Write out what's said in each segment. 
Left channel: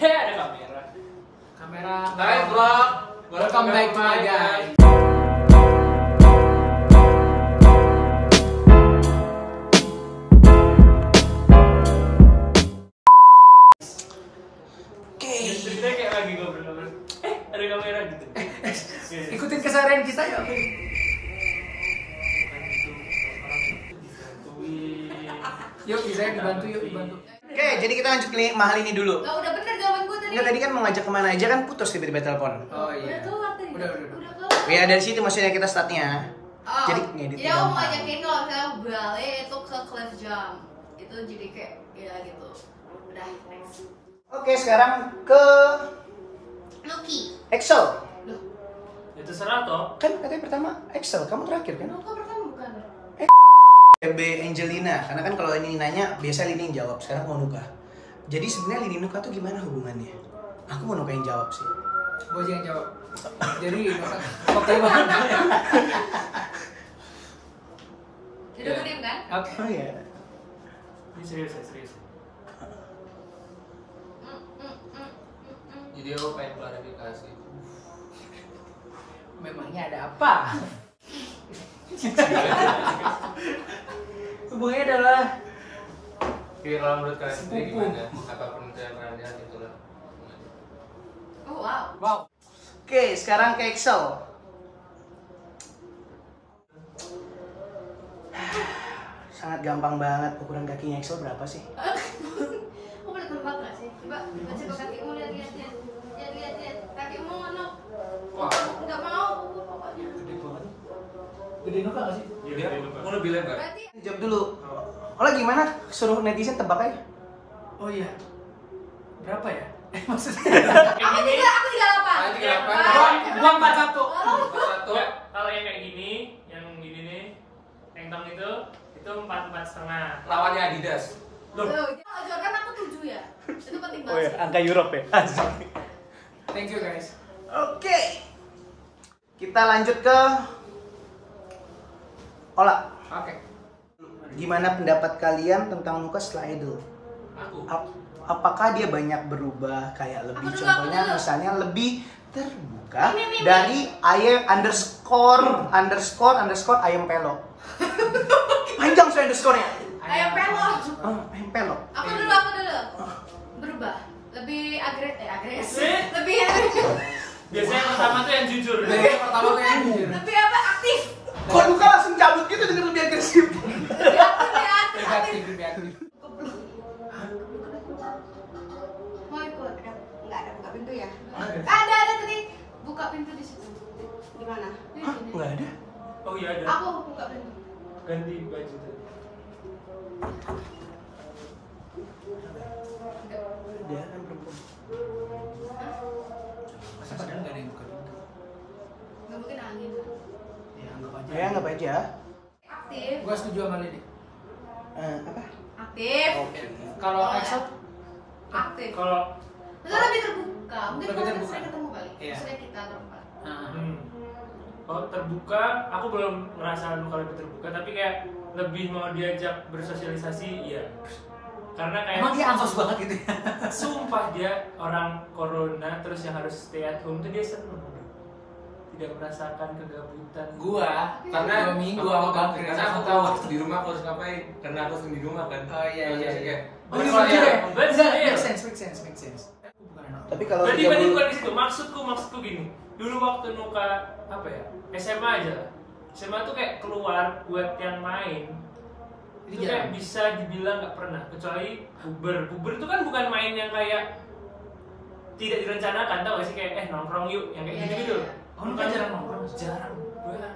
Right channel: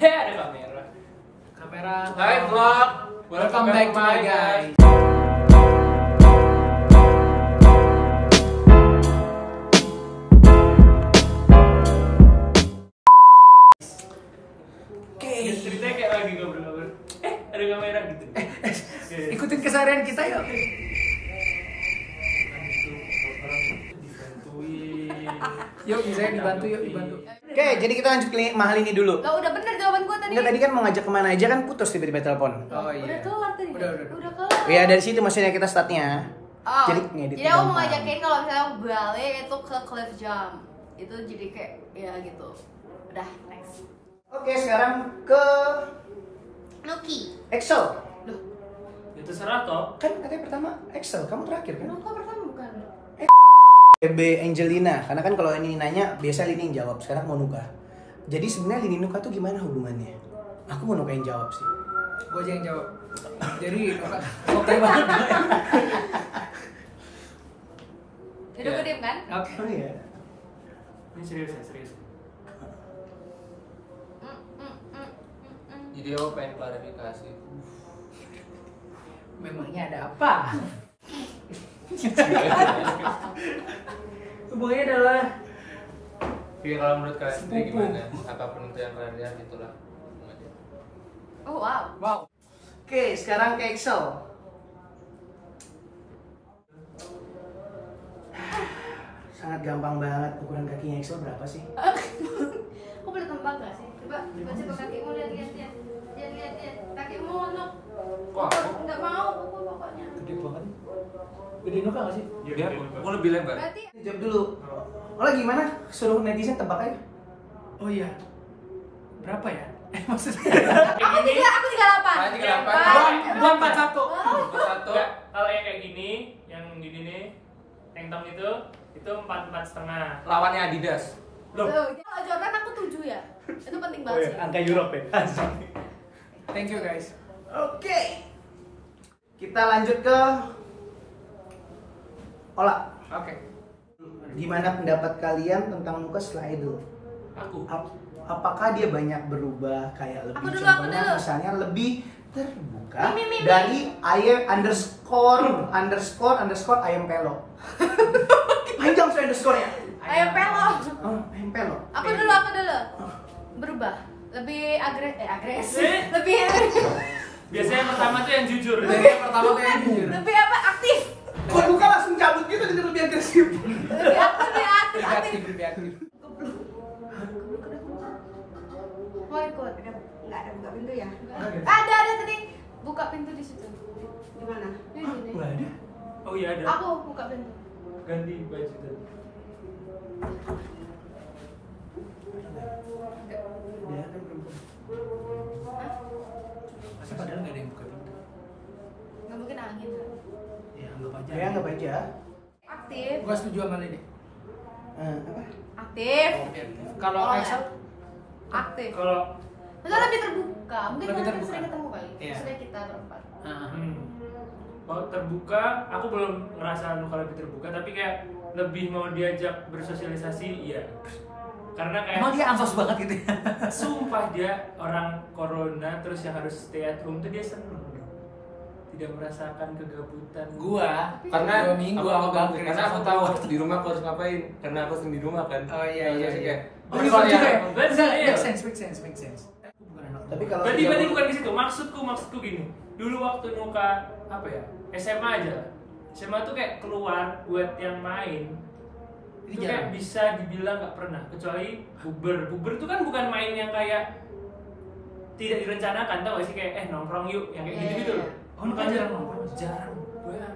Ada kamera. Kamera. Hai vlog. Welcome back to my guys. Oke. Ceritanya kayak lagi ngobrol-ngobrol. Ada kamera gitu. Ikutin keseharian kita yuk. Yuk, bisa dibantu yuk, dibantu. Oke, jadi kita lanjut ke mahal ini dulu. Lah udah bener jawaban gue tadi. Enggak, tadi kan mau ngajak kemana aja kan putus tiba-tiba telepon. Oh iya. Udah keluar tadi. Udah. Udah keluar. Ya dari situ maksudnya kita startnya. Oh, Jadi ngedit jadi aku mau gampang. ngajakin kalau misalnya balik itu ke Cliff Jump. Itu jadi kayak ya gitu. Udah, next. Oke, sekarang ke Lucky. Excel. Loh, Ya terserah toh. Kan katanya pertama Excel, kamu terakhir kan? lu kok pertama bukan? BB Angelina, karena kan kalau ini nanya biasa Lini yang jawab. Sekarang mau Nuka. Jadi sebenarnya Lini Nuka tuh gimana hubungannya? Aku mau Nuka yang jawab sih. Gue aja yang jawab. Jadi, oke banget. Jadi gue diem kan? Oke. Oh iya. Ini serius ya, serius. Jadi aku pengen klarifikasi. Memangnya ada apa? Hubungannya adalah Jadi kalau menurut kalian sendiri gimana? Apapun itu yang kalian lihat itulah. Oh wow. wow. Oke, sekarang ke Excel. Sangat gampang banget. Ukuran kakinya Excel berapa sih? Kok boleh gampang gak sih? Coba kakimu lihat. Kakimu no. Wah, Nggak mau pokoknya. Gede banget. Gede Nuka gak sih? dia aku lebih lebar. Berarti Jawab dulu. Olah gimana? Suruh netizen tebak aja. Oh iya. Berapa ya? Maksudnya? aku 38. 38. Gua 41. Satu. Enggak, kalau yang kayak gini, yang gini nih, tengtong itu 44,5. Lawannya Adidas. Loh, Kalau Jordan aku 7 ya. Itu penting banget sih. Angka Europe ya. Thank you guys. Oke. Kita lanjut ke Ola. Oke. Gimana pendapat kalian tentang Nuka setelah Idol? Aku. Apakah dia banyak berubah kayak lebih Aku dulu. contohnya misalnya lebih terbuka Mimi. dari ayam underscore ayam pelo. Panjang sih underscore-nya. Ayo pelo. Ayam pelo. Aku dulu. Berubah. Lebih agresif. Eh? Lebih biasanya yang pertama tuh yang jujur. Pertama tuh yang jujur. lebih apa? Aktif. Kok Nuka langsung cabut gitu dengan lebih agresif? Lebih aktif. Lebih aktif. Mau ikut? Enggak ada buka pintu ya? Ada tadi. Buka pintu di situ. Di mana? Di sini. Nggak ada. Oh iya ada. Aku buka pintu. Ganti baju tadi. Dia kan perempuan. Masa padahal nggak ada yang buka pintu. Nggak mungkin angin kan? Ya anggap aja. Ya anggap aja. Aktif. Gua setuju sama Lini. Apa? Aktif. Kalau Oh, ya. Excel, Aktif. Kalau Maksudnya lebih terbuka. Mungkin Lebih kalau kita terbuka. sering ketemu kali. Iya. Maksudnya kita berempat. kalau terbuka, aku belum ngerasa Nuka lebih terbuka, tapi kayak lebih mau diajak bersosialisasi, iya. Karena kayak emang dia ansos banget gitu ya. sumpah dia orang corona terus yang harus stay at home tuh dia seneng, tidak merasakan kegabutan. Gua Karena 2 minggu aku sama tahu, Bang karena aku tahu di rumah aku harus ngapain. Karena aku sering di rumah kan. Oh iya. Kayak, Oh terus iya kalau juga. yang- Betul, iya. Make sense. Aku bukan anak. Tapi kalau Berarti dia- bukan di situ. Maksudku gini. Dulu waktu Nuka apa ya? SMA aja lah. SMA tuh kayak keluar buat yang main. Ini Itu kayak jarang. bisa dibilang nggak pernah. Kecuali buber. Buber itu kan bukan main yang kayak tidak direncanakan, tau gak sih kayak nongkrong yuk yang kayak Iya, gitu-gitu. iya, iya. Oh, Nuka jarang nongkrong? Jarang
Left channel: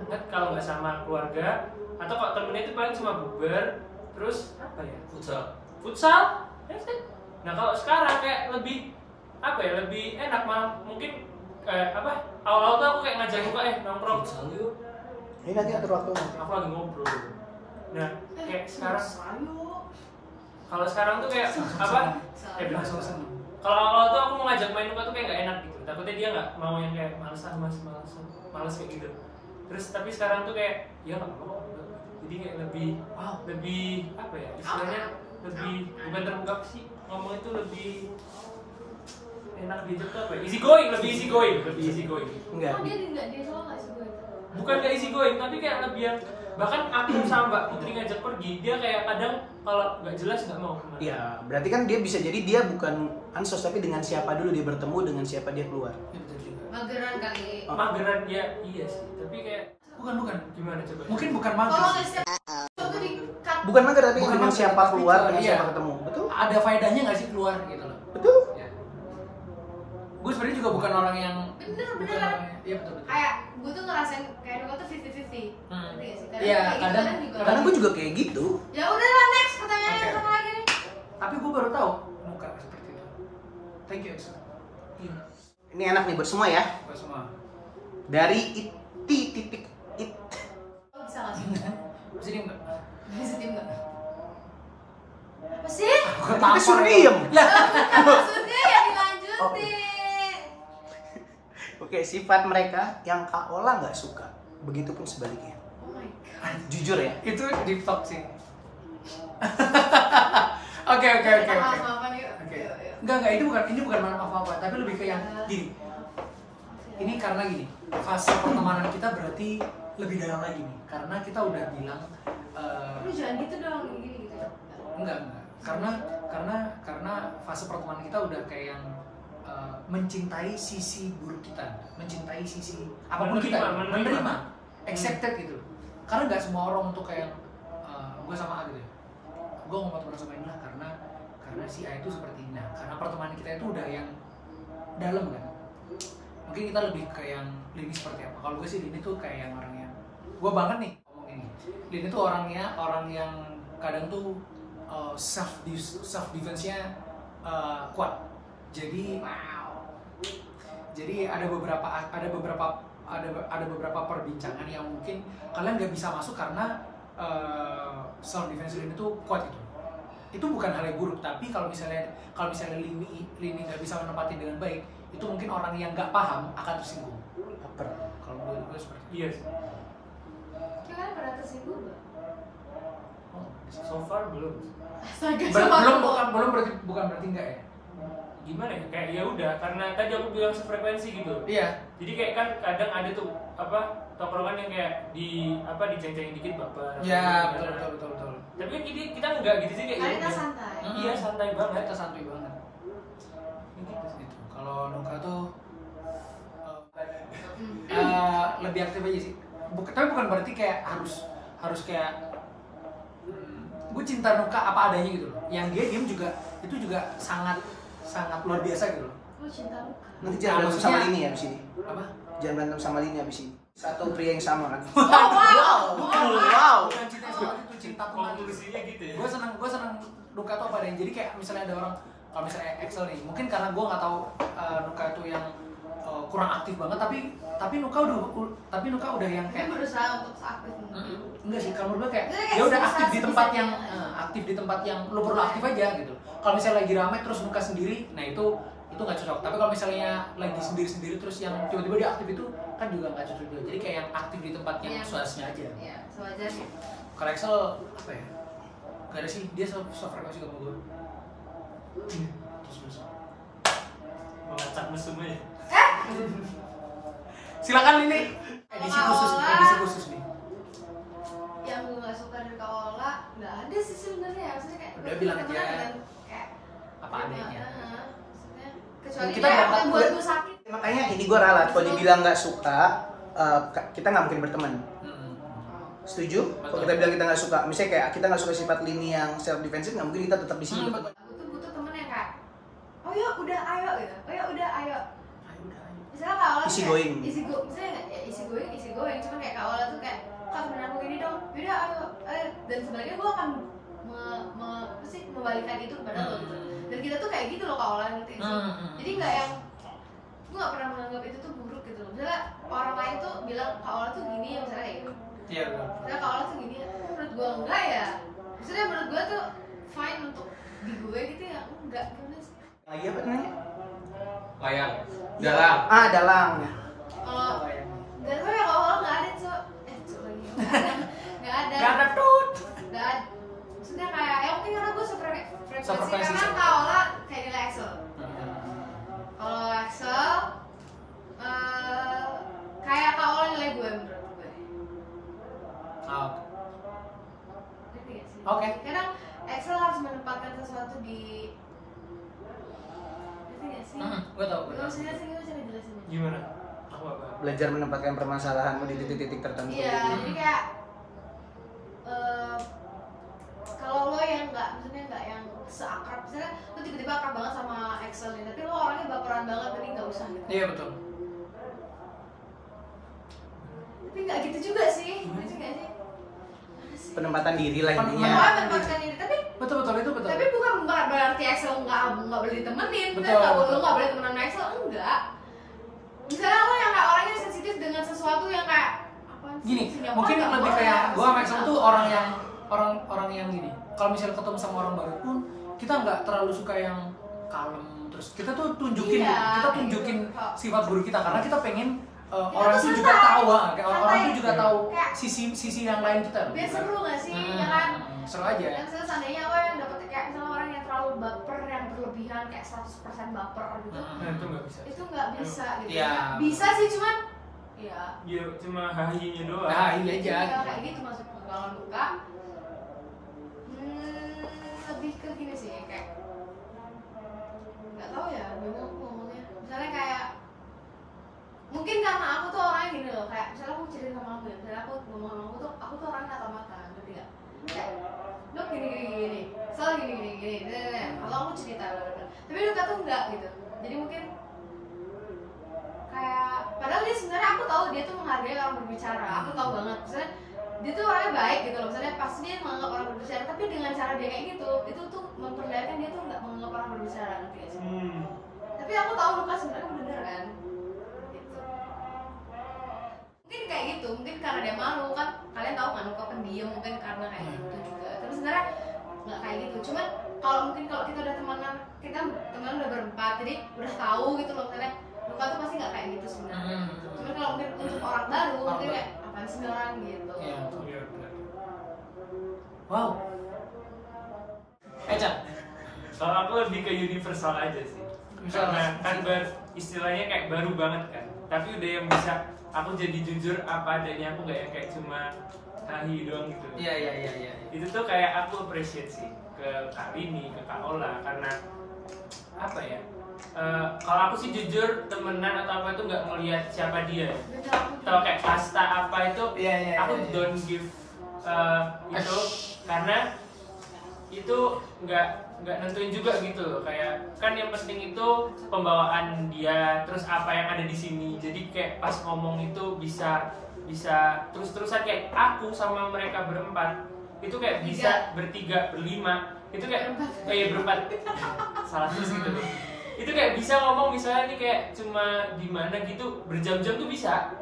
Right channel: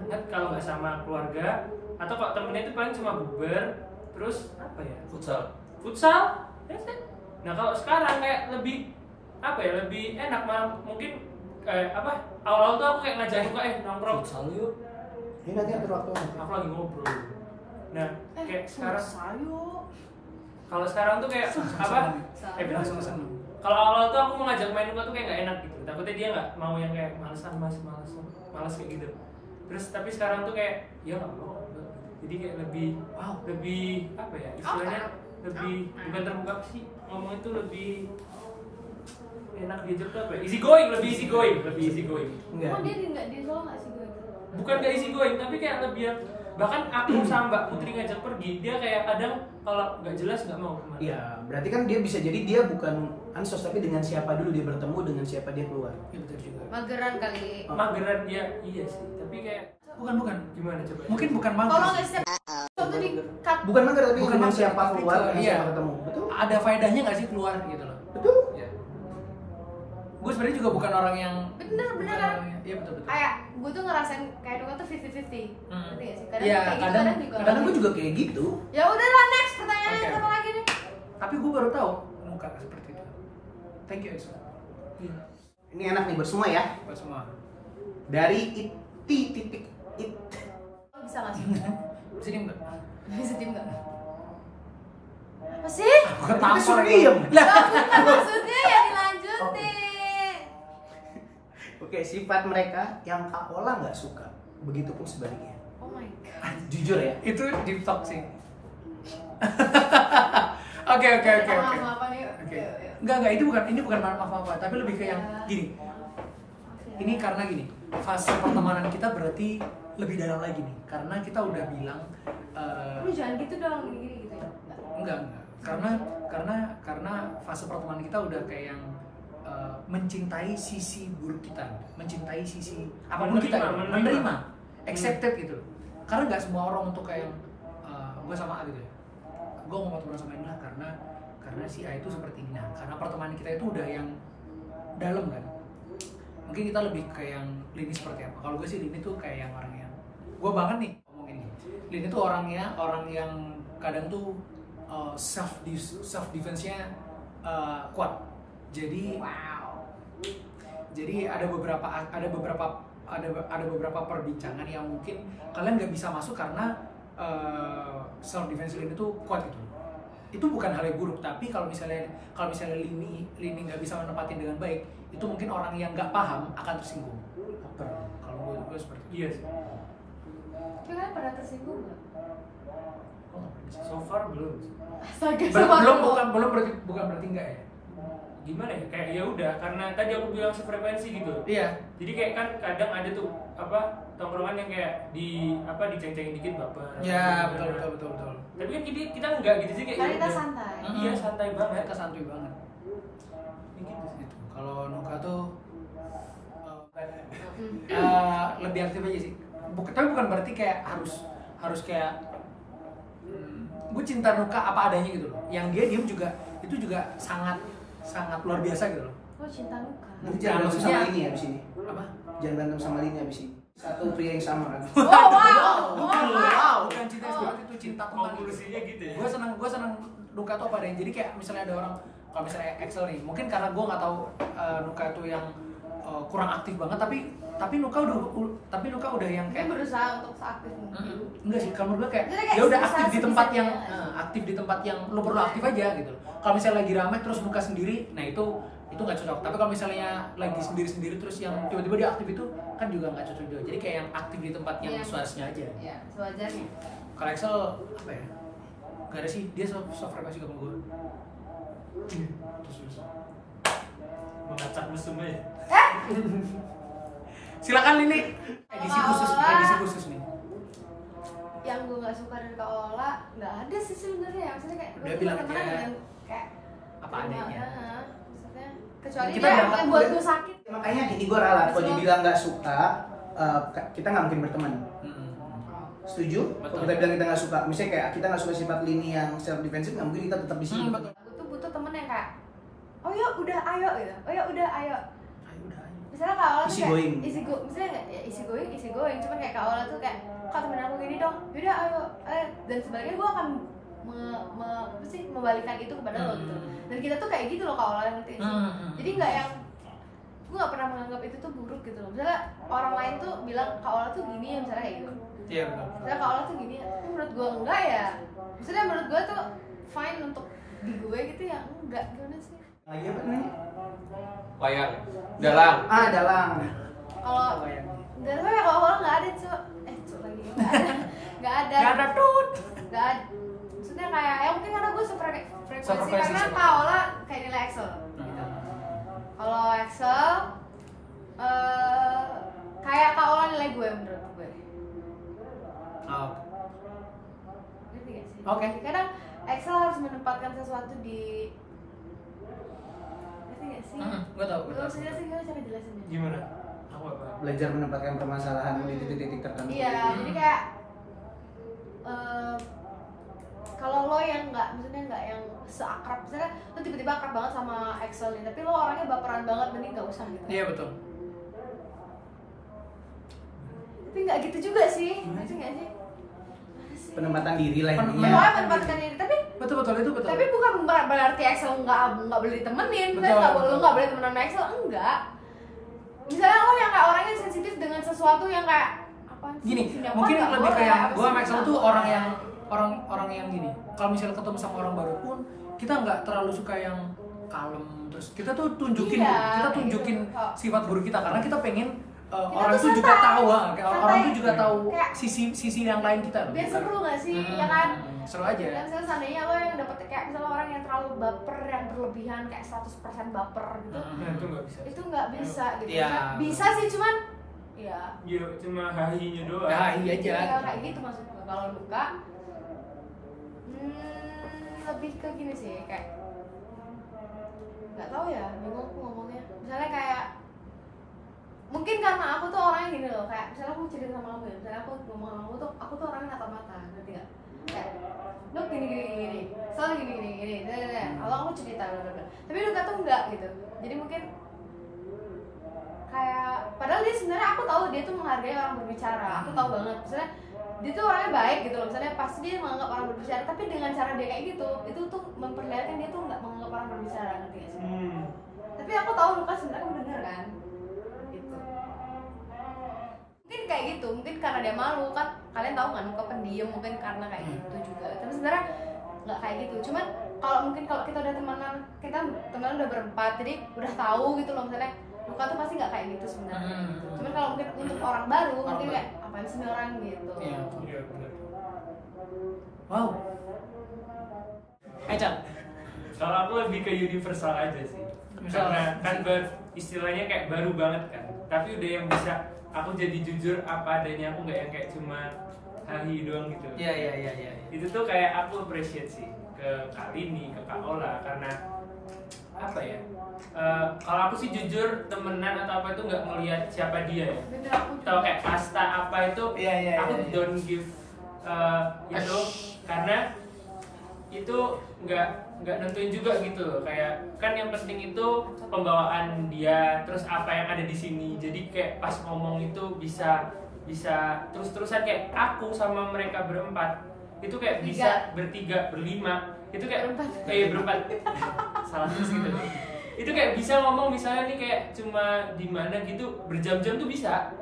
banget kalau nggak sama keluarga atau kalau temennya itu paling cuma buber terus apa ya? Futsal. That's it. Nah kalau sekarang kayak lebih apa ya, lebih enak mah mungkin awal-awal tuh aku kayak ngajak juga nongkrong. Futsal yuk. Ini nanti atur waktu. Aku lagi ngobrol. Nah kayak sekarang Sayo. kalau sekarang tuh kayak apa? Bilang Sama-sama. kalau awal-awal tuh aku mau ngajak main Nuka tuh kayak nggak enak gitu. Takutnya dia nggak mau yang kayak males males kayak gitu. Terus tapi sekarang tuh kayak ya nggak apa-apa. Jadi kayak lebih apa ya istilahnya lebih bukan terbuka sih ngomong itu lebih anak diajak tuh apa ya? Easy going, lebih easy going. Enggak. Oh dia soal nggak sih gue? Bukan kayak easy going, tapi kayak lebih yang bahkan aku sama Mbak Putri ngajak pergi, dia kayak kadang kalau nggak jelas nggak mau kemana. Iya, berarti kan dia bisa jadi dia bukan ansos tapi dengan siapa dulu dia bertemu, dengan siapa dia keluar. Iya, betul juga. Mageran kali. Mageran dia, iya sih. Tapi kayak Bukan. gimana coba? Mungkin bukan mager. Kalau nggak setiap waktu di cut. Bukan mager tapi Bukan dengan mager, siapa tapi keluar, keluar, dengan iya. siapa ketemu. Betul? Ada faedahnya nggak sih keluar gitu loh. Betul? Ya. Gue sebenarnya juga bukan orang yang Bener bukan kan? orang- Iya betul. Kayak gue tuh ngerasain kayak Nuka tuh 50-50. Ngerti nggak sih? Kadang Iya, kayak gitu, kadang- kadang juga. Kadang gue juga kayak gitu. Ya udahlah next pertanyaan Oke, apa oke. lagi nih? Tapi gue baru tahu Nuka seperti itu. Thank you Exo. Ini enak nih bersama ya. Buat semua. Dari titik it. Bisa nggak sih? Bisa diem nggak? Bisa diem nggak? Apa sih? Gue Tapi suruh diem. Lah, Bukan maksudnya ya dilanjutin. Oke, sifat mereka yang Kak Ola nggak suka. Begitupun sebaliknya. Oh my god. Jujur ya. itu deep talk sih. Oke. Maaf-maafan yuk. Oke. Yuk, yuk. Enggak, ini bukan maaf apa, tapi lebih ke yang gini. Ini karena gini, fase pertemanan kita berarti lebih dalam lagi nih. Karena kita udah bilang Lu jangan gitu dong, gini-gini gitu ya. enggak. Karena fase pertemanan kita udah kayak yang mencintai sisi buruk kita, mencintai sisi apapun kita, menerima, accepted gitu. Karena nggak semua orang untuk kayak gue sama A gitu ya. Gue ngomong teman sama ini lah karena si A itu seperti ini. Nah, karena pertemanan kita itu udah yang dalam kan. Mungkin kita lebih kayak yang Lini seperti apa. Kalau gue sih Lini tuh kayak yang orang yang gue banget nih ngomong ini. Lini tuh orang yang kadang tuh self defense-nya kuat. Jadi ada beberapa perbincangan yang mungkin kalian nggak bisa masuk karena self defense Lini itu kuat gitu. Itu bukan hal yang buruk, tapi kalau misalnya Lini nggak bisa menempatin dengan baik, itu mungkin orang yang nggak paham akan tersinggung. Kalau menurut gue seperti itu. Iya sih. Kalian pernah tersinggung nggak? So far belum. Astaga, Bukan berarti enggak ya. Gimana ya? Kayak ya udah karena tadi aku bilang sefrekuensi gitu. Iya. Jadi kayak kan kadang ada tuh tongkrongan yang kayak diceng-cengin dikit baper. Ya betul. Tapi kan kita enggak gitu sih kayak. Karena ya kita udah. santai. Iya santai banget. Kita santai banget. Gitu. Kalau Nuka tuh lebih aktif aja sih. Tapi bukan berarti kayak harus kayak gue cinta Nuka apa adanya gitu loh. Yang dia diem juga itu juga sangat luar biasa gitu loh. Oh cinta Nuka. Nanti jangan berantem sama maksudnya- Lini ya abis ini. Apa? Jangan berantem sama Lini abis ini. Satu pria yang sama kan. Oh wow. Wow. Bukan cinta seperti itu, cinta tentang Konklusinya gitu ya. gue senang Nuka tuh apa adanya. Jadi kayak misalnya ada orang, kalau misalnya Excel nih, mungkin karena gue nggak tahu Nuka tuh yang kurang aktif banget, tapi Nuka udah yang Mungkin kayak berusaha untuk seaktif mungkin. enggak sih, kalau menurut gue kayak Jadi kayak ya udah aktif di sebisa- tempat sebisanya yang aja. aktif di tempat yang lo perlu aktif aja gitu. Kalau misalnya lagi rame terus Nuka sendiri, nah itu nggak cocok. Tapi kalau misalnya lagi sendiri terus yang tiba-tiba dia aktif itu kan juga nggak cocok juga. Jadi kayak yang aktif di tempat yang Iya. sesuainya aja. Iya, sewajarnya. Kalau Excel apa ya? Gak ada sih, dia sefrekuensi sama gue. Terus Mengacak musuh aja. silakan Lini. Edisi khusus nih. Yang gue nggak suka dari Kak Ola nggak ada sih sebenarnya ya. Maksudnya kayak Udah gue bilang temenan aja. dengan kayak Apa adanya. Maksudnya kecuali Kita dia dapat yang buat gue sakit. Makanya ini gue ralat. Kalau dibilang nggak suka, kita nggak mungkin berteman. Setuju? Kalau Betul. kita bilang kita nggak suka, misalnya kayak kita nggak suka sifat Lini yang self defensive, nggak mungkin kita tetap di sini. Betul. Aku tuh butuh temen yang kayak oh ya udah ayo gitu. Oh ya udah ayo. Misalnya Kak Ola tuh Easy kayak going. misalnya nggak ya easy going, cuman kayak Kak Ola tuh kayak Kak temen aku gini dong, yaudah ayo, dan sebaliknya gue akan membalikan itu kepada lo gitu. Dan kita tuh kayak gitu loh Kak Ola, ngerti nggak sih? Jadi nggak yang gue nggak pernah menganggap itu tuh buruk gitu loh. Misalnya orang lain tuh bilang Kak Ola tuh gini, misalnya kayak gitu. Iya betul. Misalnya Kak Ola tuh gini, menurut gue enggak ya. Maksudnya menurut gue tuh fine untuk di gue gitu ya enggak gimana sih? Lagi apa nih? Wayang. Dalang. Dalang. Kalau nggak tahu ya kalau Ola nggak ada cok lagi nggak ada Gak ada tut. nggak ada. Maksudnya kayak ya mungkin karena gue sefrekuensi Sefrekuensi karena sama. Kak Ola kayak nilai Excel. Kalau Oke. Kadang Excel harus menempatkan sesuatu di ngerti nggak sih? Gue tau. Gue maksudnya sih gimana cara jelasinnya? Gimana? Aku nggak paham. Belajar menempatkan permasalahan di titik-titik tertentu. Iya, jadi kayak kalau lo yang maksudnya nggak yang seakrab, misalnya lo tiba-tiba akrab banget sama Excel nih, tapi lo orangnya baperan banget, mending nggak usah gitu. Iya betul. Tapi nggak gitu juga sih, ngerti nggak sih? Mana sih? Penempatan diri lah Pen- intinya. Pokoknya menempatkan diri, tapi Betul itu betul. tapi bukan berarti Excel nggak boleh ditemenin, Betul, lo betul. nggak boleh temenan sama Excel, enggak. Misalnya lo yang kayak orangnya sensitif dengan sesuatu yang kayak apaan sih? Gini, Sinyal mungkin nggak lebih boleh, kayak apa gue sih? sama Excel Nggak tuh boleh. orang yang gini. Kalau misalnya ketemu sama orang baru pun kita nggak terlalu suka yang kalem, terus kita tuh tunjukin Iya, kita kayak tunjukin gitu. sifat buruk kita karena kita pengen Kita orang tuh tuh juga santai. tahu, kayak orang Santai. tuh juga tahu Kayak- sisi yang lain kita loh. Biar seru nggak sih, Hmm, ya kan? seru aja. Dan misalnya seandainya lo yang dapet kayak misalnya orang yang terlalu baper, yang berlebihan kayak 100% baper gitu, Nah, itu nggak bisa. itu nggak bisa gitu. Iya. Bisa sih, cuman ya Ya cuma hahinya doang. Nah, iya aja. iya, kayak gitu maksud gue. Kalau luka lebih ke gini sih, kayak nggak tahu ya, bingung aku ngomongnya. Misalnya kayak mungkin karena aku tuh orangnya gini loh, kayak misalnya aku cerita sama kamu ya, misalnya aku ngomong sama kamu tuh, aku tuh orangnya natap mata, ngerti nggak? Kayak Nuk gini, soal gini, kalau aku cerita bener-bener, tapi Nuka tuh enggak gitu. Jadi mungkin kayak padahal dia sebenarnya aku tahu dia tuh menghargai orang berbicara, aku tahu banget, misalnya dia tuh orangnya baik gitu loh, misalnya pasti dia menganggap orang berbicara, tapi dengan cara dia kayak gitu, itu tuh memperlihatkan dia tuh nggak menganggap orang berbicara, ngerti gak sih? Tapi aku tahu Luka sebenarnya bener kan, gitu. Mungkin kayak gitu, mungkin karena dia malu kan, kalian tahu nggak Luka pendiam, mungkin karena kayak gitu juga. Tapi sebenarnya nggak kayak gitu, cuman kalau kita udah temenan udah berempat, jadi udah tahu gitu loh misalnya Luka tuh pasti nggak kayak gitu sebenarnya. Gitu. Cuman kalau mungkin untuk orang baru, mungkin kayak apaan sih ini orang gitu. Iya. Iya, benar. Wow. Cang. Kalau aku lebih ke universal aja sih. Misal- Karena kan istilahnya kayak baru banget kan. Tapi udah yang bisa aku jadi jujur apa adanya, aku nggak yang kayak cuma hahi doang gitu. Iya. Itu tuh kayak aku appreciate sih ke Kak Rini, ke Kak Ola, karena apa ya? Kalau aku sih jujur temenan atau apa itu nggak melihat siapa dia ya. Bener, aku Atau kayak kasta apa itu, Iya, aku iya. don't give itu karena itu nggak nentuin juga gitu loh. Kayak kan yang penting itu pembawaan dia, terus apa yang ada di sini. Jadi kayak pas ngomong itu bisa terus-terusan kayak aku sama mereka berempat itu kayak bisa bertiga, berlima, itu kayak berempat salah terus gitu. Itu kayak bisa ngomong misalnya nih kayak cuma di mana gitu berjam-jam tuh bisa,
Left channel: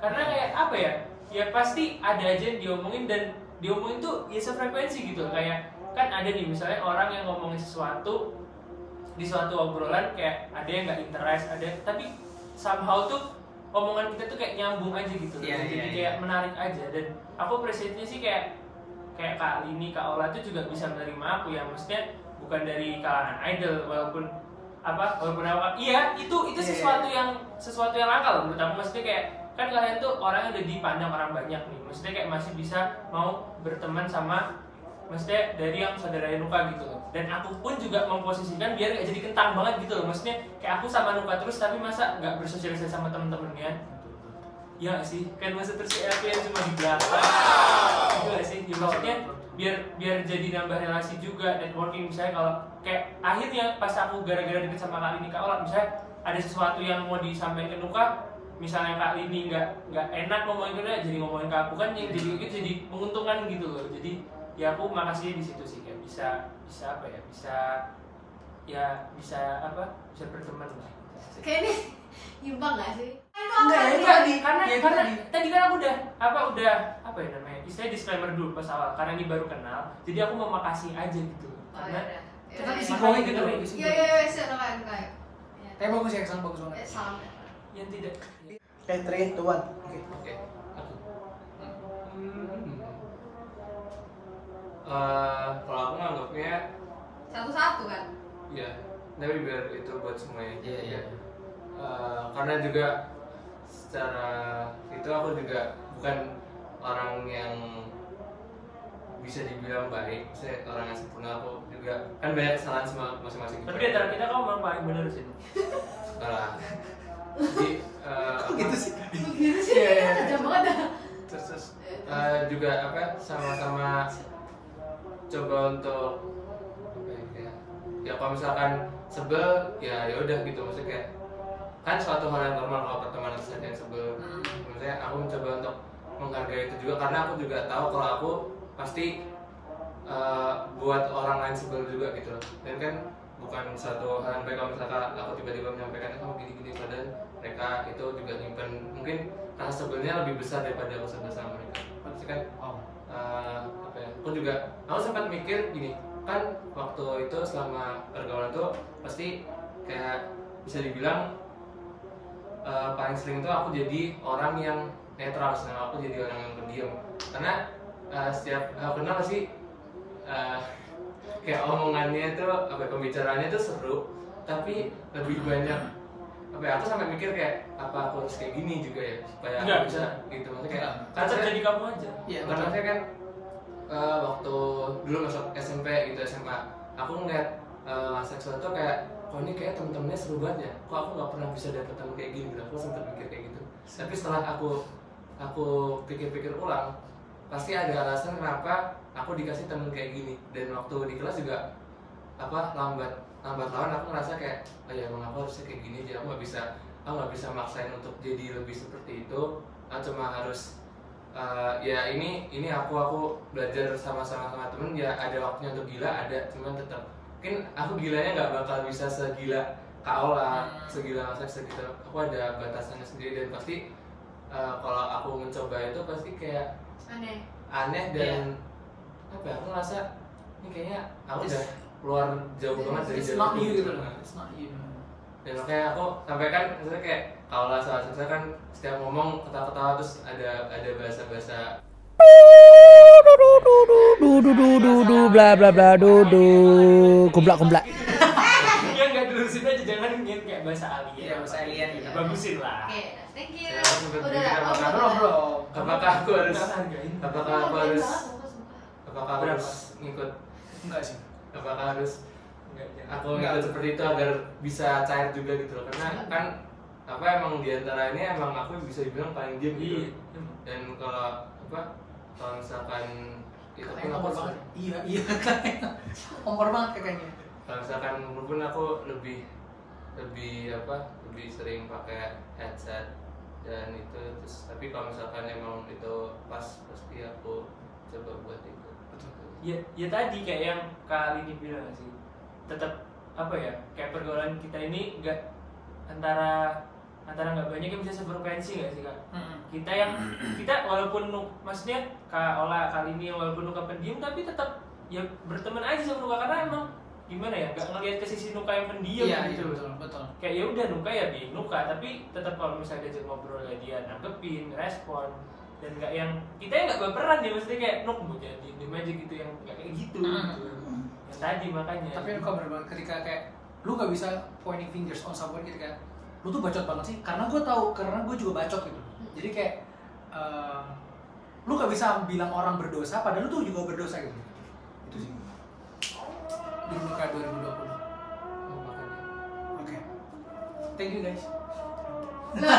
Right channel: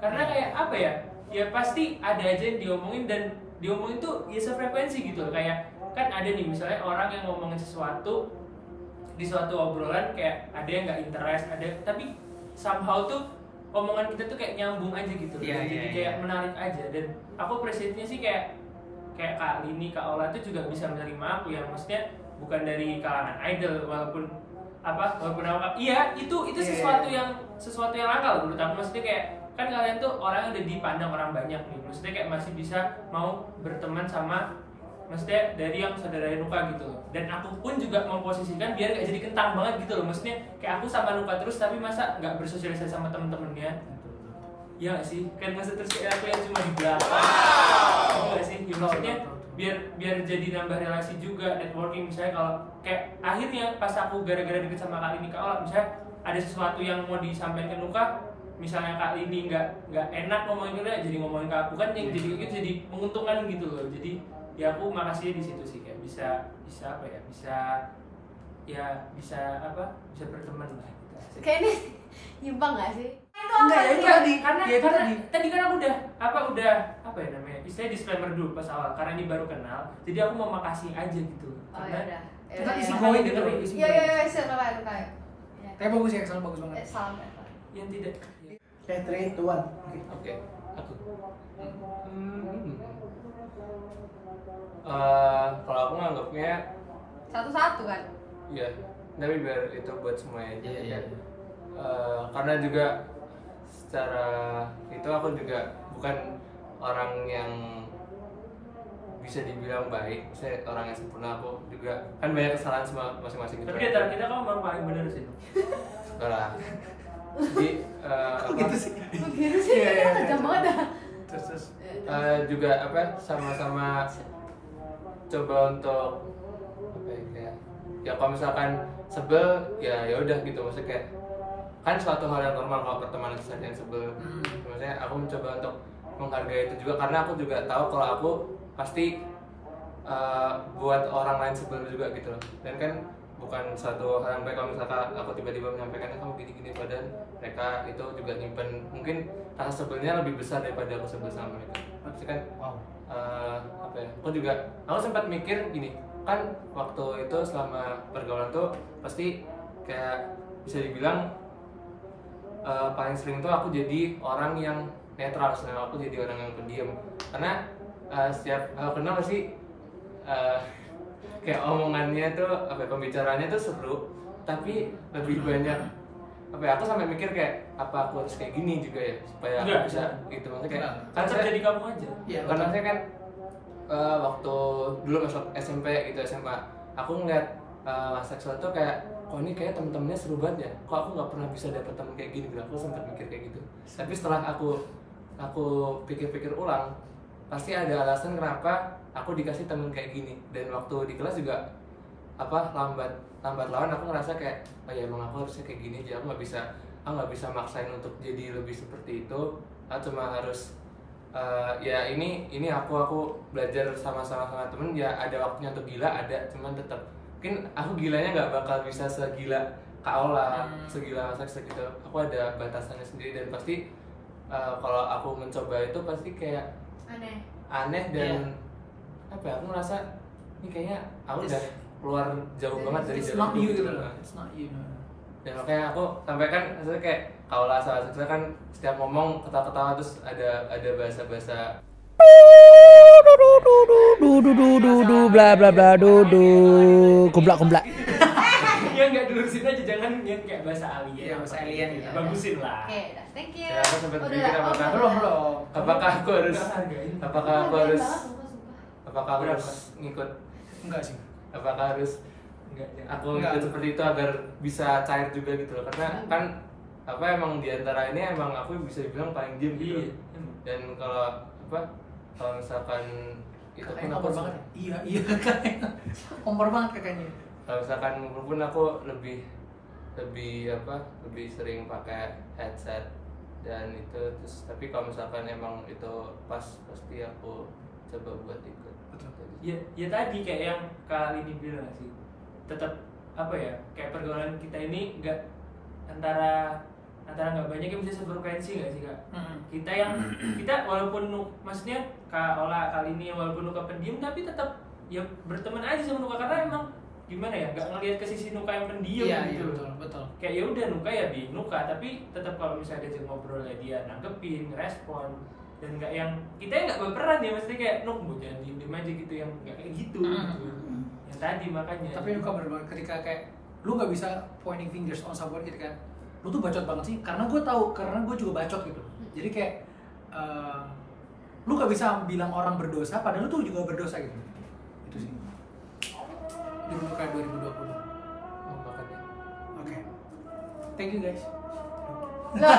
karena kayak apa ya, ya pasti ada aja yang diomongin, dan diomongin tuh ya sefrekuensi gitu. Kayak kan ada nih misalnya orang yang ngomongin sesuatu di suatu obrolan, kayak ada yang nggak interest, ada, tapi somehow tuh omongan kita tuh kayak nyambung aja gitu. Iya, Jadi iya, kayak iya. menarik aja, dan aku appreciate-nya sih kayak Kak Lini, Kak Ola itu juga bisa menerima aku ya, maksudnya bukan dari kalangan idol, walaupun aku iya itu sesuatu yang langka loh menurut aku. Maksudnya kayak kan kalian tuh orang yang udah dipandang orang banyak nih, maksudnya kayak masih bisa mau berteman sama, maksudnya dari yang saudara Nuka gitu loh. Dan aku pun juga memposisikan biar gak jadi kentang banget gitu loh, maksudnya kayak aku sama Nuka terus tapi masa nggak bersosialisasi sama temen-temennya. Ya gak sih, kan masa terus kayak aku yang cuma di belakang gitu gak sih, ya, maksudnya biar jadi nambah relasi juga, networking. Misalnya kalau kayak akhirnya pas aku gara-gara deket sama Kak Lini, Kak Ola, misalnya ada sesuatu yang mau disampaikan ke Nuka, misalnya Kak Lini nggak enak ngomongin ke Nuka, jadi ngomongin ke aku, kan yang jadi itu jadi menguntungkan gitu loh. Jadi ya aku makasih di situ sih, kayak bisa apa ya, bisa berteman lah. Kayak ini nyimpang nggak sih? Enggak, ya itu tadi. Karena Ya, itu tadi. tadi kan aku udah apa ya namanya, istilahnya disclaimer dulu pas awal, karena ini baru kenal, jadi aku mau makasih aja gitu. Oh Karena ya udah. Kita isi Makanya going gitu gitu. loh. isi Iya going. iya iya, kayak. Tapi bagus ya, Excel bagus banget. Salam. yang tidak Kayak 3, 2, 1. Oke. Oke, aku. Kalau aku nganggapnya Satu-satu kan? ya, tapi biar itu buat semuanya. Iya. Karena juga secara itu aku juga bukan orang yang bisa dibilang baik, saya orang yang sempurna, aku juga kan banyak kesalahan sama masing-masing gitu. Tapi di antara kita kamu memang paling benar sih. Enggak lah. Jadi gitu sih. Begitu sih, tajam banget dah. Terus juga apa sama-sama coba untuk apa ya, kayak ya kalau misalkan sebel ya udah gitu, maksudnya kayak kan suatu hal yang normal kalau pertemanan saja yang sebel. Maksudnya aku mencoba untuk menghargai itu juga, karena aku juga tahu kalau aku pasti buat orang lain sebel juga gitu loh. Dan kan bukan satu hal yang baik kalau misalkan aku tiba-tiba menyampaikannya kamu gini-gini, padahal mereka itu juga nyimpen mungkin rasa sebelnya lebih besar daripada aku sebel sama mereka. Maksudnya kan apa ya, aku sempat mikir gini kan, waktu itu selama pergaulan tuh pasti kayak bisa dibilang paling sering tuh aku jadi orang yang netral, aku jadi orang yang pendiam, karena setiap aku kenal pasti kayak omongannya tuh apa ya, pembicaraannya tuh seru, tapi lebih banyak apa ya, aku sampai mikir kayak apa aku harus kayak gini juga ya supaya aku bisa gitu, maksudnya kayak kan saya jadi kamu aja. Iya, karena saya kan waktu dulu masuk SMP gitu, SMA aku ngeliat seksual tuh kayak kok ini kayak temen-temennya seru banget ya, kok aku nggak pernah bisa dapet temen kayak gini gitu. Aku sempat mikir kayak gitu, tapi setelah aku pikir-pikir ulang, pasti ada alasan kenapa aku dikasih temen kayak gini. Dan waktu di kelas juga apa lambat laun aku ngerasa kayak oh ya emang aku harusnya kayak gini aja, aku nggak bisa maksain untuk jadi lebih seperti itu. Aku cuma harus ya ini aku belajar sama temen ya, ada waktunya untuk gila ada, cuman tetap mungkin aku gilanya nggak bakal bisa segila Kak Ola, segila Mas Aksa gitu. Aku ada batasannya sendiri, dan pasti kalau aku mencoba itu pasti kayak aneh dan apa ya, aku ngerasa ini kayaknya aku udah keluar jauh banget dari it's jalur not you gitu. gitu loh. It's not you. Dan makanya aku sampaikan maksudnya kayak Kak Ola sama Aksa kan setiap ngomong ketawa-ketawa terus ada bahasa-bahasa bla bla bla kumplak. Ya nggak dilurusin aja, jangan kayak bahasa alien. Iya, bahasa alien gitu. Bagusin lah. Oke, thank you. Ya, aku sempat Udah mikir lah, apakah aku harus apakah aku harus Berapa? ngikut, Enggak sih. apakah harus Enggak, jangan. aku ngikut seperti itu agar bisa cair juga gitu loh, karena kan apa emang diantara ini emang aku bisa dibilang paling diem gitu. Dan kalau misalkan itu pun Kakaknya aku kompor banget. Iya kakaknya. Kompor banget kakaknya. kalau misalkan pun aku lebih sering pakai headset dan itu terus. Tapi kalau misalkan emang itu pas, pasti aku coba buat ikut. Betul. Ya tadi kayak yang kali ini bilang sih, tetap apa ya, kayak pergaulan kita ini nggak antara nggak banyak yang bisa sefrekuensi nggak sih Kak? Kita walaupun maksudnya Kak Ola kali ini walaupun Nuka pendiam tapi tetap ya berteman aja sama Nuka, karena emang gimana ya, nggak ngelihat ke sisi Nuka yang pendiam gitu loh. Betul. Kayak ya udah Nuka ya di Nuka, tapi tetap kalau misalnya diajak ngobrol ya dia nanggepin, respon, dan nggak yang kita yang nggak berperan ya, maksudnya kayak Nuk mau jadi diem aja gitu, yang nggak kayak gitu. Yang tadi makanya. Tapi Nuka benar-benar ketika kayak lu nggak bisa pointing fingers on someone ketika lu tuh bacot banget sih, karena gue juga bacot gitu. Jadi kayak lu nggak bisa bilang orang berdosa padahal lu tuh juga berdosa gitu. Itu sih. Di Nuka 2020. Makanya Oke. Thank you guys. Loh,